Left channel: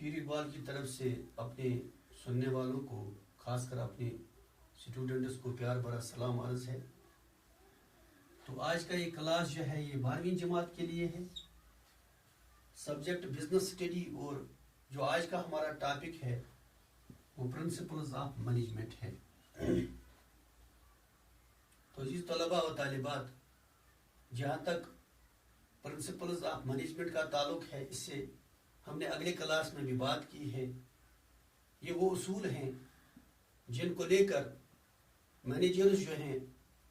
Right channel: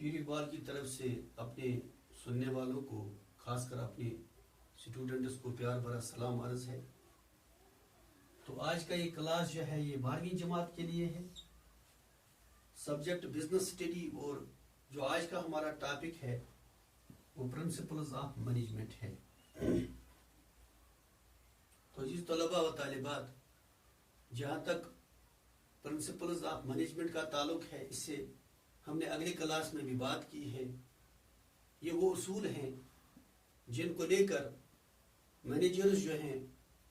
पीर इकबाल की तरफ से अपने सुनने वालों को, खासकर अपने स्टूडेंट्स को प्यार भरा सलाम अर्ज है। तो आज का ये क्लास जो है ये 12वीं जमात के लिए है। सब्जेक्ट बिजनेस स्टडी और जो आज का हमारा टॉपिक है वो प्रिंसिपल्स ऑफ मैनेजमेंट है। तो जिस तलबा व तालिबात जहाँ तक प्रिंसिपल्स ऑफ मैनेजमेंट का ताल्लुक है, इससे हमने अगले क्लास में भी बात की है। ये वो उसूल हैं जिनको लेकर मैनेजर्स जो हैं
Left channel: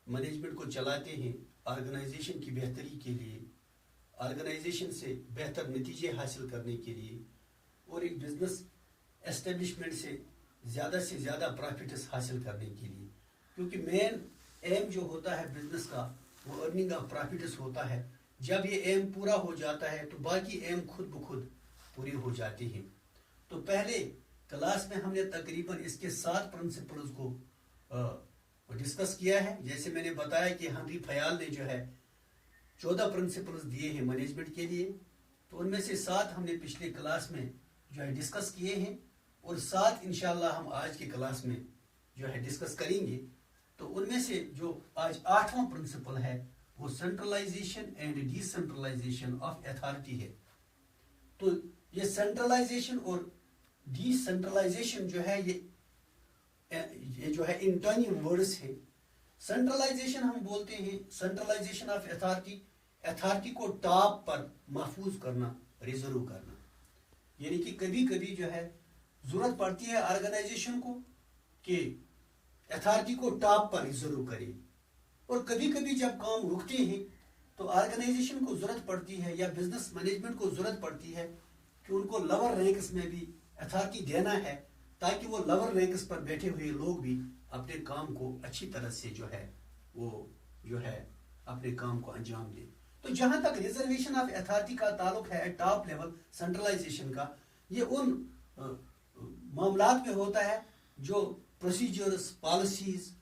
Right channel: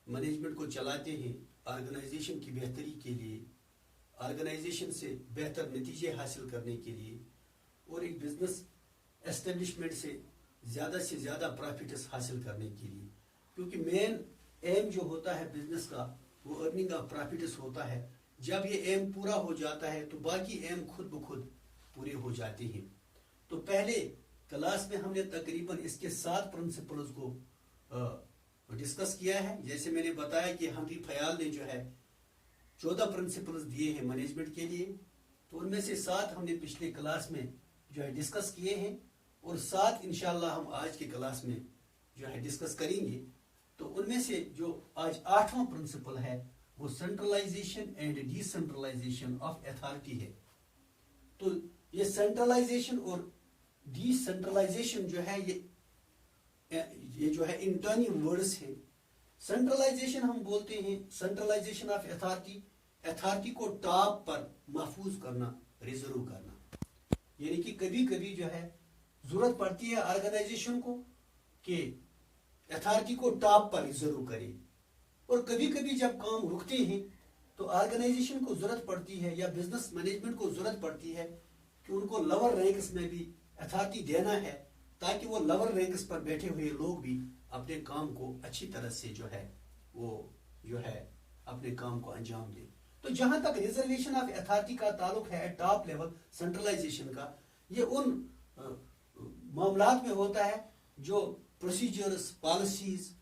मैनेजमेंट को चलाते हैं ऑर्गेनाइजेशन की बेहतरी के लिए, ऑर्गेनाइजेशन से बेहतर नतीजे हासिल करने के लिए और एक बिजनेस एस्टेब्लिशमेंट से ज़्यादा प्रॉफिट्स हासिल करने के लिए। क्योंकि मेन एम जो होता है बिजनेस का वो अर्निंग ऑफ प्रॉफिट्स होता है। जब ये एम पूरा हो जाता है तो बाकी एम खुद ब खुद पूरी हो जाती हैं। तो पहले क्लास में हमने तकरीबन इसके 7 प्रिंसिपल्स को डिस्कस किया है। जैसे मैंने बताया कि हेनरी फयाल ने जो है 14 प्रिंसिपल्स दिए हैं मैनेजमेंट के लिए, तो उनमें से 7 हमने पिछले क्लास में जो है डिस्कस किए हैं और 7 इंशाल्लाह हम आज की क्लास में जो है डिस्कस करेंगे। तो उनमें से जो आज 8वां प्रिंसिपल है वो centralization and decentralization of authority है। तो ये सेंट्रलाइजेशन और डिसेंट्रलाइजेशन जो है ये जो है इंटर्निंग वर्ड्स है। सेंट्रलाइजेशन हम बोलते हैं सेंट्रलाइजेशन ऑफ अथॉरिटी को टॉप पर महफूज करना, रिजर्व करना। यानी कि कभी कभी जो है जरूरत पड़ती है ऑर्गेनाइजेशन को कि अथॉरिटी को टॉप पर रिजर्व करे, और कभी कभी जब काम रुकते हैं तो ऑर्गेनाइजेशन को जरूरत पड़ती है या बिजनेस मैनेजमेंट को जरूरत पड़ती है कि उनको लोअर रैंक्स में भी अथॉरिटी देना है, ताकि वो लोअर रैंक्स पर बैठे हुए लोग भी अपने काम को अच्छी तरह से जो है वो जो है अपने काम को अंजाम दें। तो जहां तक रिजर्वेशन ऑफ अथॉरिटी का ताल्लुक है टॉप लेवल सेंट्रलाइजेशन का, ये उन मामलात में होता है जो प्रोसीजर्स पॉलिसीज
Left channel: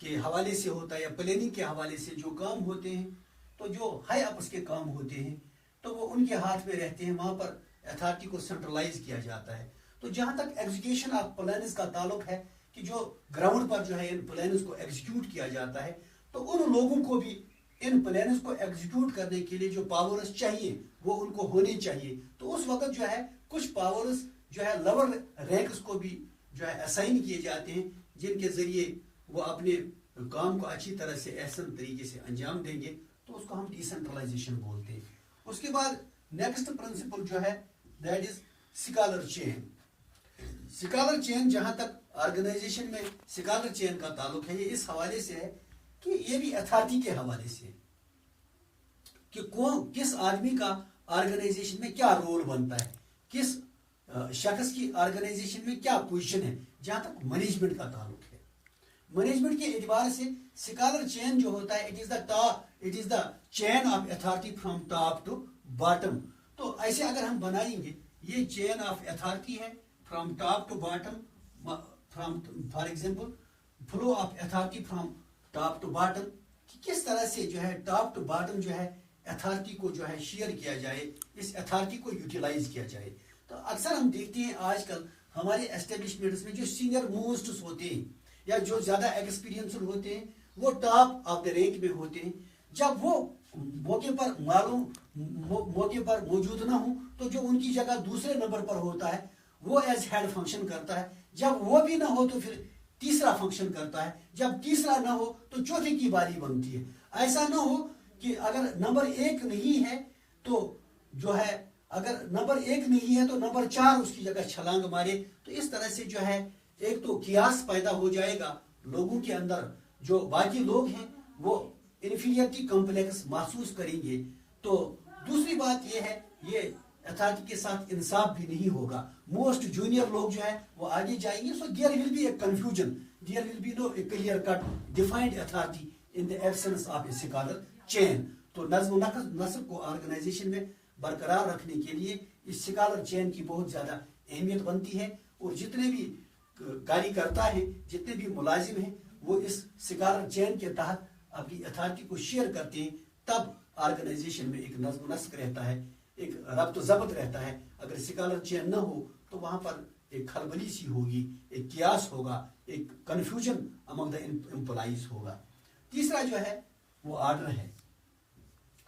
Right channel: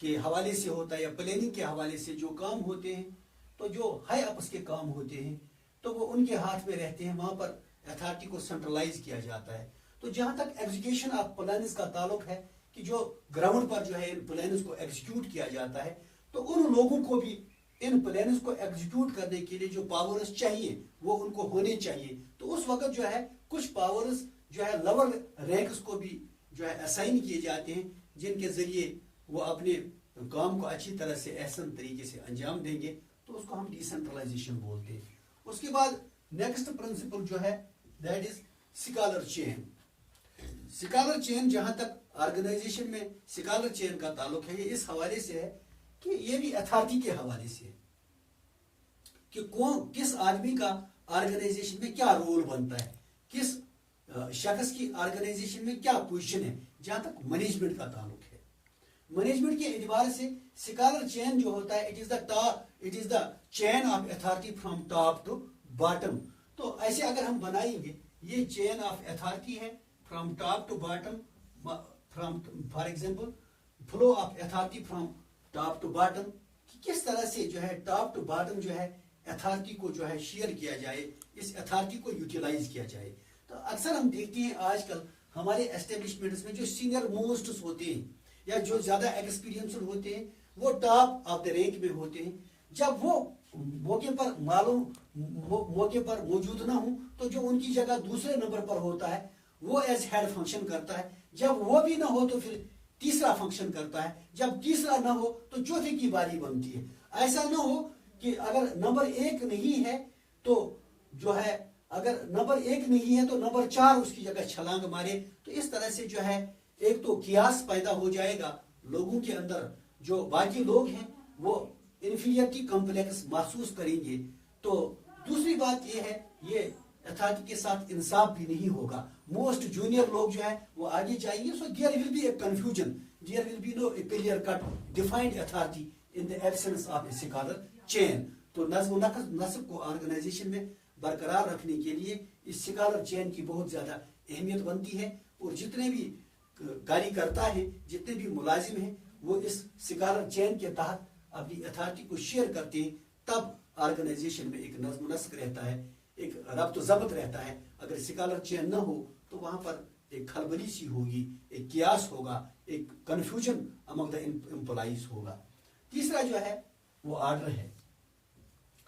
के हवाले से होता है या प्लानिंग के हवाले से जो काम होते हैं। तो जो हाई अप्स के काम होते हैं तो वो उनके हाथ में रहते हैं, वहां पर अथॉरिटी को सेंट्रलाइज किया जाता है। तो जहां तक एग्जीक्यूशन ऑफ प्लान्स का ताल्लुक है कि जो ग्राउंड पर जो है इन प्लान्स को एग्जीक्यूट किया जाता है, तो उन लोगों को भी इन प्लान्स को एग्जीक्यूट करने के लिए जो पावर्स चाहिए वो उनको होने चाहिए। तो उस वक्त जो है कुछ पावर्स जो है लोअर रैंक्स को भी जो है असाइन किए जाते हैं, जिनके जरिए वो अपने काम को अच्छी तरह से एहसन तरीके से अंजाम देंगे। तो उसको हम डिसेंट्रलाइजेशन बोलते हैं। उसके बाद नेक्स्ट प्रिंसिपल जो है that is scholar chain. Scholar chain जहां तक ऑर्गेनाइजेशन में स्कॉलर चेन का ताल्लुक है, ये इस हवाले से है कि ये भी अथॉरिटी के हवाले से है कि कौन किस आदमी का ऑर्गेनाइजेशन में क्या रोल बनता है, किस शख्स की ऑर्गेनाइजेशन में क्या पोजीशन है। जहां तक मैनेजमेंट का ताल्लुक है, मैनेजमेंट के एतबार से स्कॉलर चेन जो होता है it is the chain of authority from top to bottom. तो ऐसे अगर हम बनाएंगे ये चेन ऑफ अथॉरिटी है from top to bottom, from for example flow of authority from top to bottom, कि किस तरह से जो है टॉप टू बॉटम जो है अथॉरिटी को जो है शेयर किया जाए, इस अथॉरिटी को यूटिलाइज किया जाए। तो अक्सर हम देखते हैं आजकल हमारे एस्टेब्लिशमेंट्स में जो सीनियर मोस्ट होते हैं या जो ज्यादा एक्सपीरियंस होते हैं वो टॉप ऑफ द रैंक में होते हैं। जब वो मौके पर मौजूद ना हो तो जो उनकी जगह दूसरे नंबर पर होता है वो एज हेड फंक्शन करता है। जब वो भी ना हो तो फिर तीसरा फंक्शन करता है। जब तीसरा ना हो तो चौथे की बारी बनती है। ऐसा ना हो कि अगर नंबर 1 नहीं है तो जो है अगर नंबर 1 नहीं है तो नंबर 4 उसकी जगह छलांग मारे। तो इस तरह से जो है एक तो कियास पैदा हो जाएगा लोगों के अंदर, जो बाकी लोग हैं वो इन्फीरियरिटी कॉम्प्लेक्स महसूस करेंगे। तो दूसरी बात यह है ये अथॉरिटी के साथ इंसाफ भी नहीं होगा। मोस्ट जूनियर लोग जो है वो आगे जाएंगे। So there will be a confusion, there will be no a clear cut defined authority in the absence of a scalar chain. तो नज्म नस्ब को ऑर्गेनाइजेशन में बरकरार रखने के लिए इस स्कॉलर चेन की बहुत ज्यादा अहमियत बनती है। और जितने भी कार्यकर्ता हैं, जितने भी मुलाजिम हैं, वो इस स्कॉलर चेन के तहत अपनी अथॉरिटी को शेयर करते हैं। तब ऑर्गेनाइजेशन में एक नज्म नस्क रहता है, एक रब्त ज़ब्त रहता है। अगर स्कॉलर चेन न हो तो वहां पर एक खलबली सी होगी, एक कियास होगा, एक कंफ्यूजन अमंग द एम्प्लॉइज होगा। तीसरा जो है वो ऑर्डर है।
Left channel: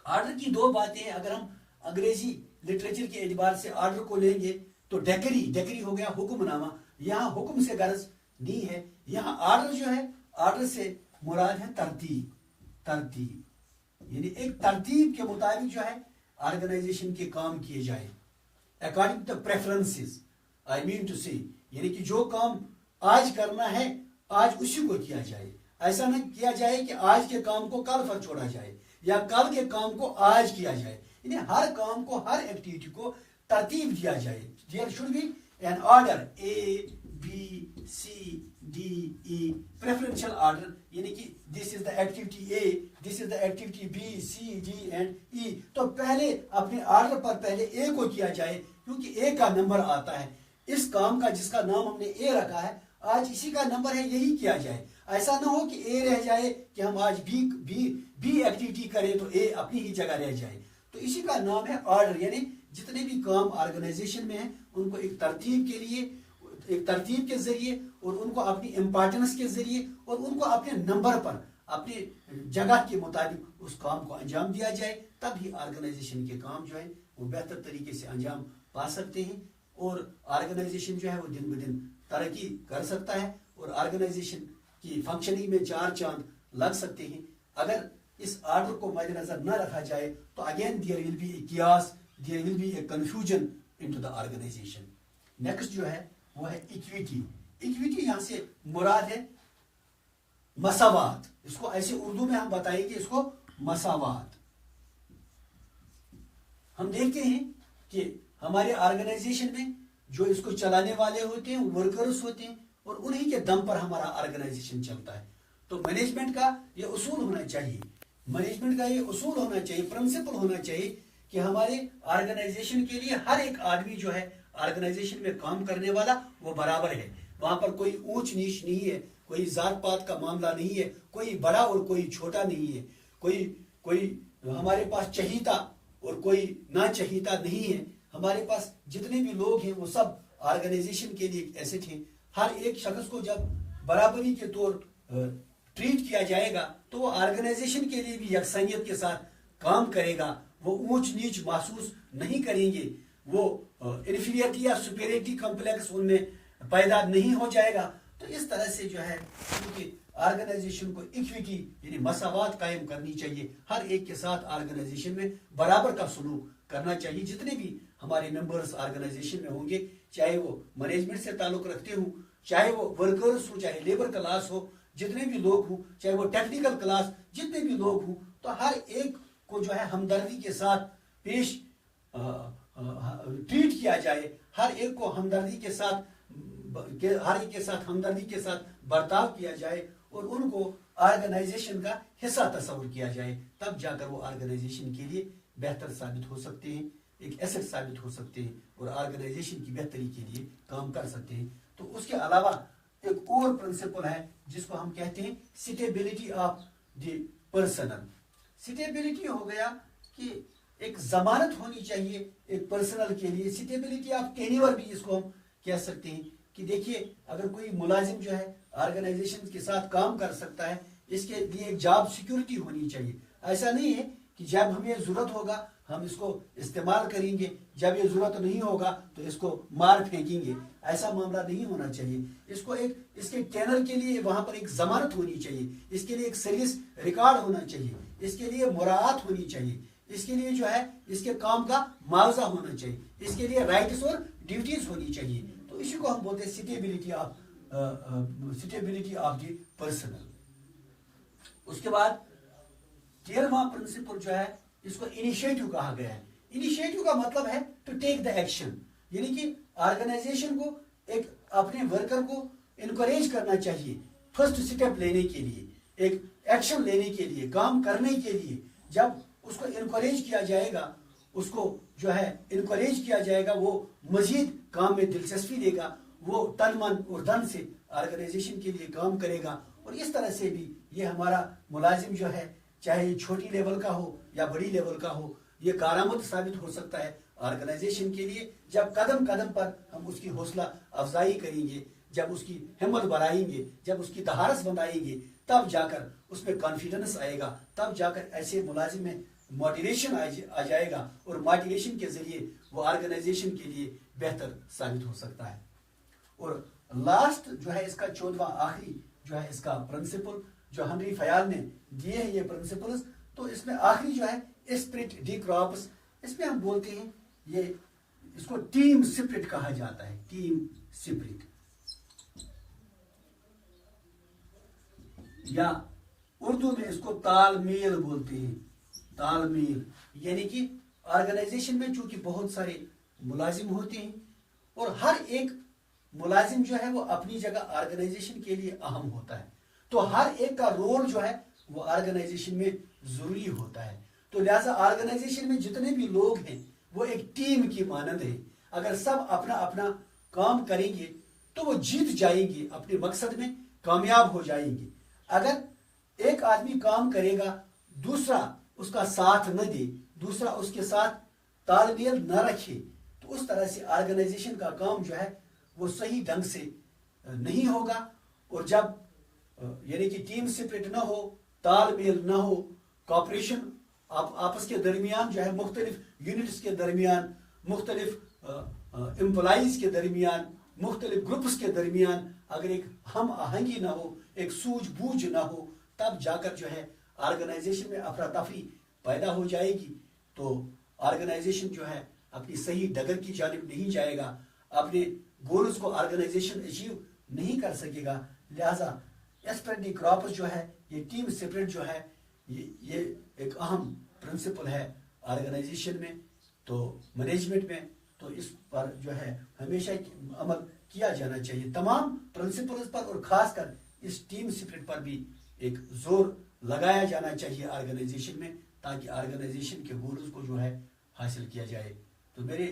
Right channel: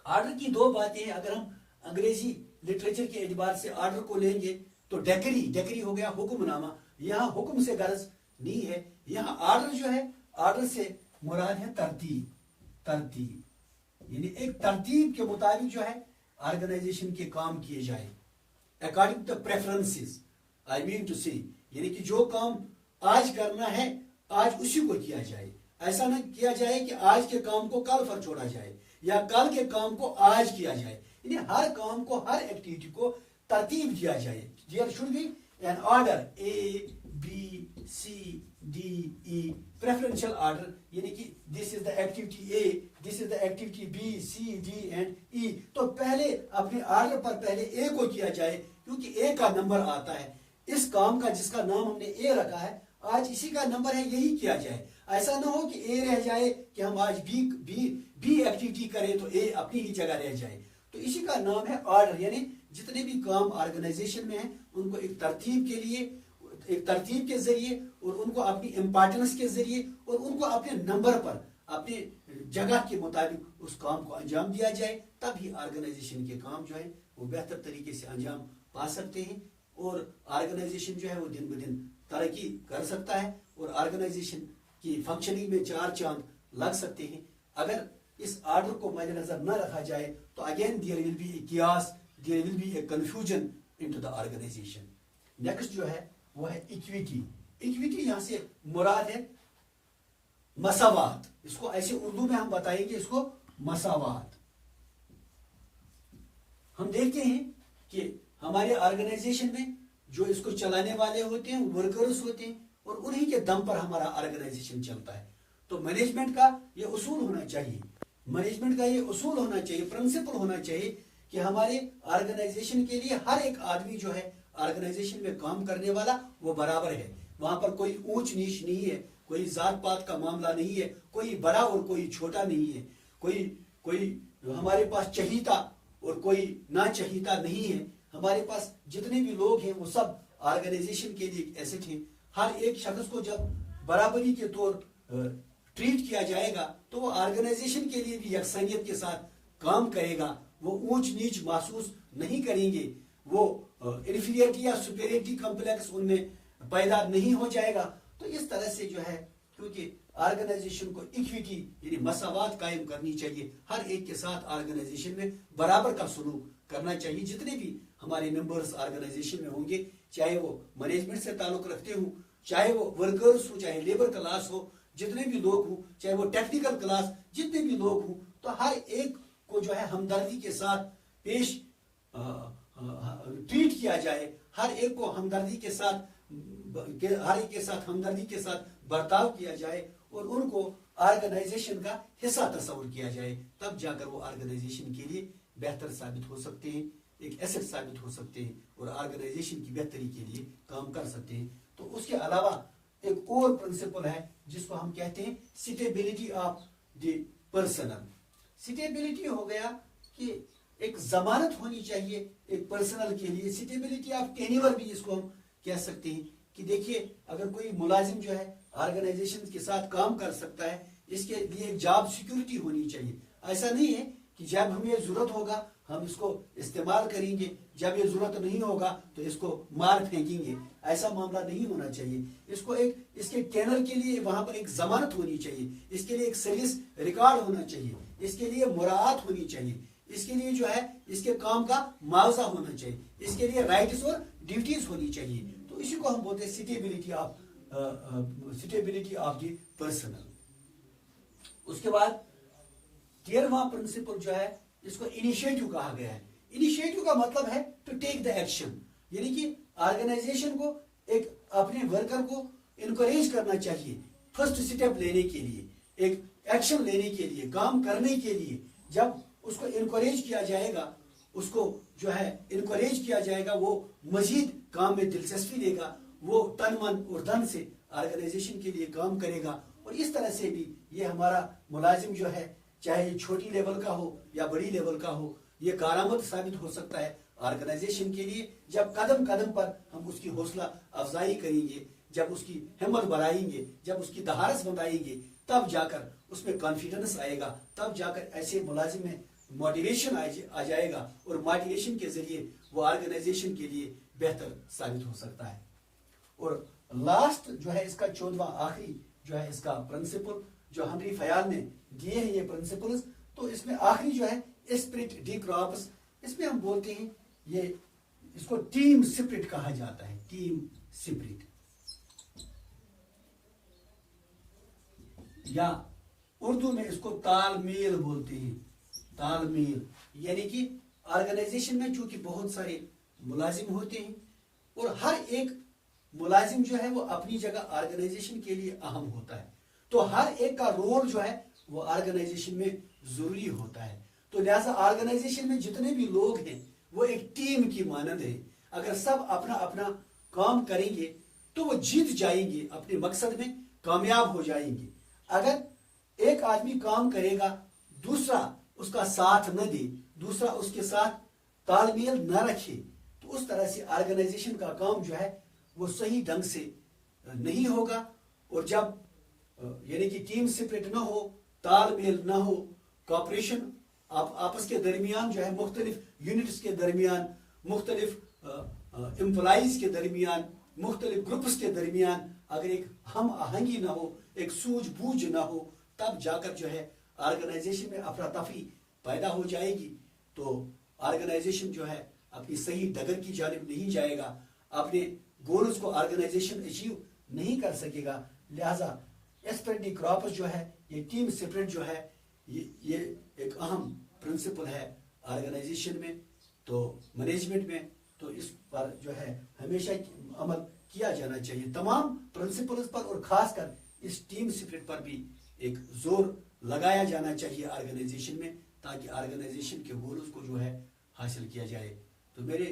ऑर्डर की दो बातें हैं। अगर हम अंग्रेजी लिटरेचर के एतबार से ऑर्डर को लेंगे तो डेकरी हो गया हुक्मनामा, यहाँ हुक्म से गर्ज नहीं है। यहाँ ऑर्डर जो है, ऑर्डर से मुराद है तरतीब, यानी एक तरतीब के मुताबिक जो है ऑर्गेनाइजेशन के काम किए जाए, according to the preferences, I mean to say, यानी कि जो काम आज करना है आज उसी को किया जाए। ऐसा न किया जाए कि आज के काम को कल पर छोड़ा जाए या कल के काम को आज किया जाए, यानी हर काम को, हर एक्टिविटी को तरतीब दिया जाए। There should be an order, A B C D E, preferential order, यानी कि this is the activity A, this is the activity B C D and E. तो पहले अपने ऑर्डर पर पहले ए को किया जाए, क्योंकि ए का नंबर आता है। इस काम का जिसका नाम हमने ए रखा है, आज इसी का नंबर है, यही किया जाए। ऐसा ना हो कि ए रह जाए कि हम आज बी एक्टिविटी करें तो ए अपनी ही जगह रह जाए। तो इसी का नाम है ऑर्डर, यानी जितने भी काम ऑर्गेनाइजेशन में हैं उनको एक तरतीब के लिए, एक तरतीब के जरिए, और उनको अपनी इम्पोर्टेंस के जरिए, और उनको अपने नंबर पर, अपनी जगह के मुताबिक उस काम को अंजाम दिया जाए। तब ही ऑर्गेनाइजेशन के काम जो है वो बेहतर तरीके से अंजाम पा सकते हैं, और ऑर्गेनाइजेशन जो है वो दिन ब दिन तरक्की कर सकता है, और ऑर्गेनाइजेशन की फंक्शनिंग में चार चांद लग सकते हैं। अगर इस ऑर्डर को मद्देनजर न रखा जाए तो again there will be a chaos, there will be a confusion into the organization. Next जो है वो है इक्विटी। इक्विटी यहां से मुराद है मसावात, इसको ऐसे उर्दू में हम बताएंगे इसको मसावात। हम देखते हैं कि हमारे ऑर्गेनाइजेशन में जो इसको चलाने वाले होते हैं वर्कर्स होते हैं, और उन्हीं के दम पर हमारा ऑर्गेनाइजेशन चलता है। तो मैनेजमेंट का ये उसूल होना चाहिए, मैनेजमेंट का ये उसूल होना चाहिए, प्रिंसिपल होना चाहिए कि हमारे ऑर्गेनाइजेशन के लिए हर एक आदमी जो है ऑर्गेनाइजेशन में काम करने वाला वो बराबर है। वहां पर कोई ऊंच नीच नहीं है, कोई जात पात का मामला नहीं है, कोई बड़ा और कोई छोटा नहीं है, कोई हमारे पास चहीता और कोई ना चहीता नहीं है। हमारे पास जितने भी लोग हैं वो सब ऑर्गेनाइजेशन के लिए एसेट हैं। हर एक शख्स को जब बराबरी के तौर ट्रीट किया जाएगा तो वो ऑर्गेनाइजेशन के लिए भी यकसंगियत के साथ काम करेगा, वो ऊंच नीच महसूस नहीं करेंगे, वो इन्फीरियरिटी या सुपेरियरिटी कॉम्प्लेक्स उनमें पैदा नहीं हो जाएगा। तो इस तरह से जो है क्योंकि ऑर्गेनाइजेशन को इक्विटी यानी मसावात कायम करनी चाहिए, हर एक के साथ ऑर्गेनाइजेशन में बराबर का सलूक करना चाहिए। जितने भी हमारे मेंबर्स ऑर्गेनाइजेशन में होंगे, चाहे वो मैनेजमेंट से ताल्लुक रखते हो, चाहे वो वर्कर्स हो, चाहे लेबर क्लास हो, जितने भी लोग हों, चाहे वो टेक्निकल क्लास, जितने भी लोग हों, तो हर एक को जो है हमदर्दी के साथ पेश ट्रीट किया जाए, हर एक को हमदर्दी के साथ हमदर्दी के साथ बर्ताव किया जाए, और उनको ऑर्गेनाइजेशन का हिस्सा तस्वुर किया जाए। तब जाकर वो ऑर्गेनाइजेशन के लिए बेहतर साबित हो सकते हैं, एक एसेट साबित हो सकते हैं, और ऑर्गेनाइजेशन की बेहतरी के लिए काम कर सकते हैं। तो उसके अलावा एक और प्रिंसिपल है जिसको हम कहते हैं stability of the personal. Stability हो गया कि एक जमानत होनी चाहिए एक पर्सनल के लिए। स्टेबिलिटी ऑफ टेन्योर भी इसको हम कह सकते हैं कि देखिए अगर कोई मुलाजिम जो है ऑर्गेनाइजेशन के साथ काम कर सकता है, इसके लिए जॉब सिक्योरिटी होनी चाहिए। ऐसा नहीं है कि जब हमें जरूरत होगा हम इसको इस्तेमाल करेंगे, जब ये जरूरत नहीं होगा तो इसको मार फेंकेंगे, ऐसा मामला नहीं होना चाहिए। इसको एक इसके टेनर के लिए वहां पर एक जमानत होनी चाहिए, इसके लिए एक सर्विस रिकॉर्ड होना चाहिए, इसके लिए मुराआत होनी चाहिए, इसके लिए जो है इसके काम का मुआवजा होना चाहिए, इसके लिए राइट्स और ड्यूटीज होनी चाहिए। तो इसी को हम बोलते हैं स्टेबिलिटी ऑफ द पर्सनल। उसके बाद 13वां प्रिंसिपल जो है इसको इनिशिएटिव कहा गया है। इनिशिएटिव का मतलब है टू टेक द एक्शन, यानी कि ऑर्गेनाइजेशन को एक अपने वर्कर को इनकरेज करना चाहिए फर्स्ट स्टेप लेने के लिए, एक एक्शन लेने के लिए, काम करने के लिए। जब उसको इनकरेज किया जाएगा, उसको जो है इनकरेज किया जाएगा, वो मजीद काम में दिलचस्पी लेगा, वो तन मन और धन से ऑर्गेनाइजेशन के लिए काम करेगा। और इस तरह से भी ये हमारा मुलाजिम जो है चाहे छोटी लेवल का हो या बड़ी लेवल का हो, ये कारामद साबित हो सकता है ऑर्गेनाइजेशन के लिए जब कदम कदम पर हम उसकी हौसला अफजाई करेंगे, जब उसकी हिम्मत बढ़ाएंगे, जब उसकी दहारस बनाएंगे, तब जाकर उसमें कॉन्फिडेंस आएगा, तब जाकर ऐसे मुलाजिम में मोटिवेशन आ जाएगा और मोटिवेशन के जरिए वो ऑर्गेनाइजेशन के लिए बेहतर साबित हो सकता है। और लास्ट जो है इसका 14वां आखिरी जो है इसका प्रिंसिपल जो हेनरी फयाल ने दिए हैं ये प्रिंसिपल्स, तो इसमें आखिरी जो है स्पिरिट डी क्रॉप्स, इसमें हम बोलते हैं ये इसको टीम स्पिरिट कहा जाता है, टीम स्पिरिट, या उर्दू में इसको तालमेल बोलते हैं, तालमेल। यानी कि ऑर्गेनाइजेशन में चूंकि बहुत सारे मुलाजिम होते हैं और हर एक मुलाजिम जो है वो अपनी जगह ऑर्गेनाइजेशन के लिए अहम होता है, तो हर एक का रोल जो है वो ऑर्गेनाइजेशन में जरूरी होता है। तो लिहाजा ऑर्गेनाइजेशन में जितने भी लोग हैं वो एक टीम की मानद है। अगर सब अपना अपना काम करेंगे तो वो जीत जाएंगे, अपने मकसद में कामयाब हो जाएंगे। अगर एक आदमी काम करेगा, दूसरा उसका साथ न दे, दूसरा उसके साथ तालमेल न रखे, तो उस तरह से ऑर्गेनाइजेशन का काम जो है वो सही ढंग से नहीं होगा। और जब यानी कि टीम स्पिरिट ना हो, तालमेल ना हो, कॉपरेशन आपस के दरमियान जो है, मुख्तलिफ यूनिट्स के दरमियान, मुख्तलिफ एम्प्लॉइज के दरमियान, मुख्तलिफ ग्रुप्स के दरमियान अगर एक हम आहंगी ना हो, एक सूझबूझ ना हो, तब जाकर जो है ऑर्गेनाइजेशन में अफरा तफरी पैदा हो जाएगी। तो ऑर्गेनाइजेशन जो है अपनी सही डगर की जानिब नहीं जाएगा, अपने गोल्स को ऑर्गेनाइजेशन अचीव नहीं कर सकेगा। लिहाजा स्पिरिट डी क्रॉप्स जो है, ये टीम स्पिरिट जो है, ये एक अहम प्रिंसिपल है ऑर्गेनाइजेशन में, तो मैनेजमेंट में। तो इस पर जो है हमेशा अमल किया जाना चाहिए, तमाम प्रिंसिपल्स पर, और खासकर इस टीम स्पिरिट पर भी एक जोर लगाया जाना चाहिए ऑर्गेनाइजेशन में, ताकि ऑर्गेनाइजेशन के गोल्स को जो है हासिल किया जाए। तो मेरे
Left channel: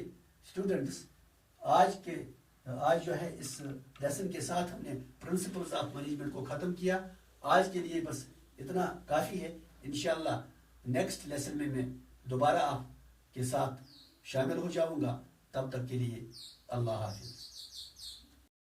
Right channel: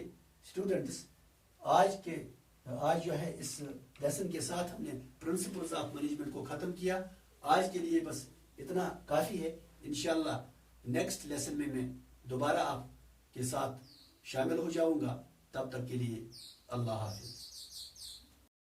स्टूडेंट्स, आज जो है इस लेसन के साथ हमने प्रिंसिपल्स ऑफ मैनेजमेंट को ख़त्म किया। आज के लिए बस इतना काफ़ी है। इंशाअल्लाह नेक्स्ट लेसन में मैं दोबारा आपके साथ शामिल हो जाऊंगा। तब तक के लिए अल्लाह हाफिज़।